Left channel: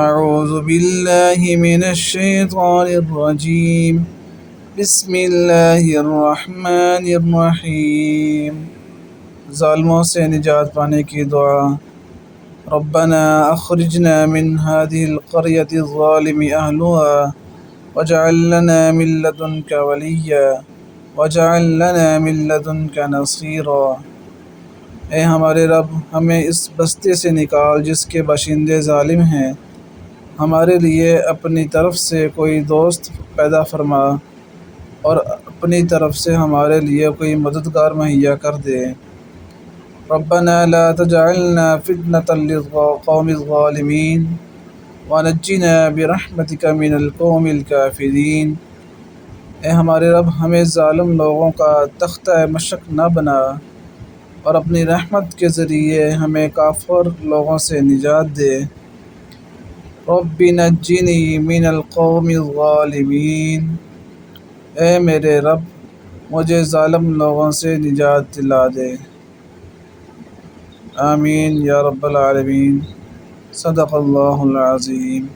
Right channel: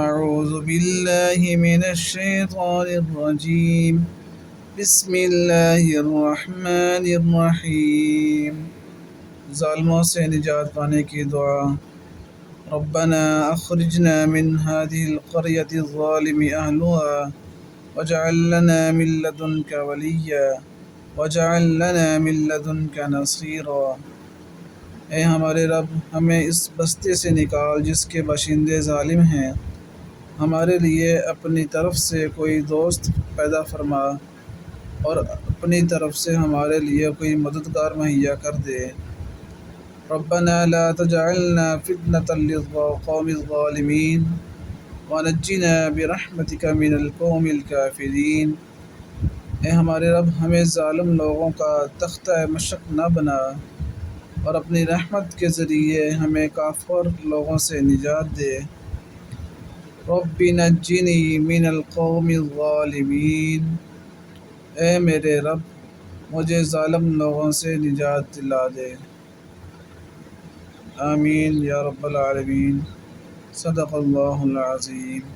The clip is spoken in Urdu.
أعوذ بالله من الشيطان الرجيم. بسم الله الرحمن الرحیم. ظالموں سے نجات پانے کی دعا. ربنا اخرجنا من هذه القرية الظالم أهلها واجعل لنا من لدنك وليا واجعل لنا من لدنك نصيرا. اے ہمارے رب، ہمیں اس بستی سے نکال جس کے باشندے ظالم ہیں. ہمارے لیے اپنی طرف سے کوئی دوست پیدا فرما اور اپنی طرف سے ہمارے لیے کوئی مددگار مہیا کر دے. ربنا لا تجعلنا فتنة للقوم الظالمين ونجنا برحمتك من القوم الكافرين. اے ہمارے رب، ہمیں ظالم لوگوں کا تختہ مشق نہ بنا اور اپنی رحمت کے ذریعے ہمیں کافر لوگوں سے نجات دے. رب نجنی من القوم الظالمین. اے میرے رب، مجھے ظالم لوگوں سے نجات دلا دے. آمین یا رب العالمین. صدق اللہ العظیم.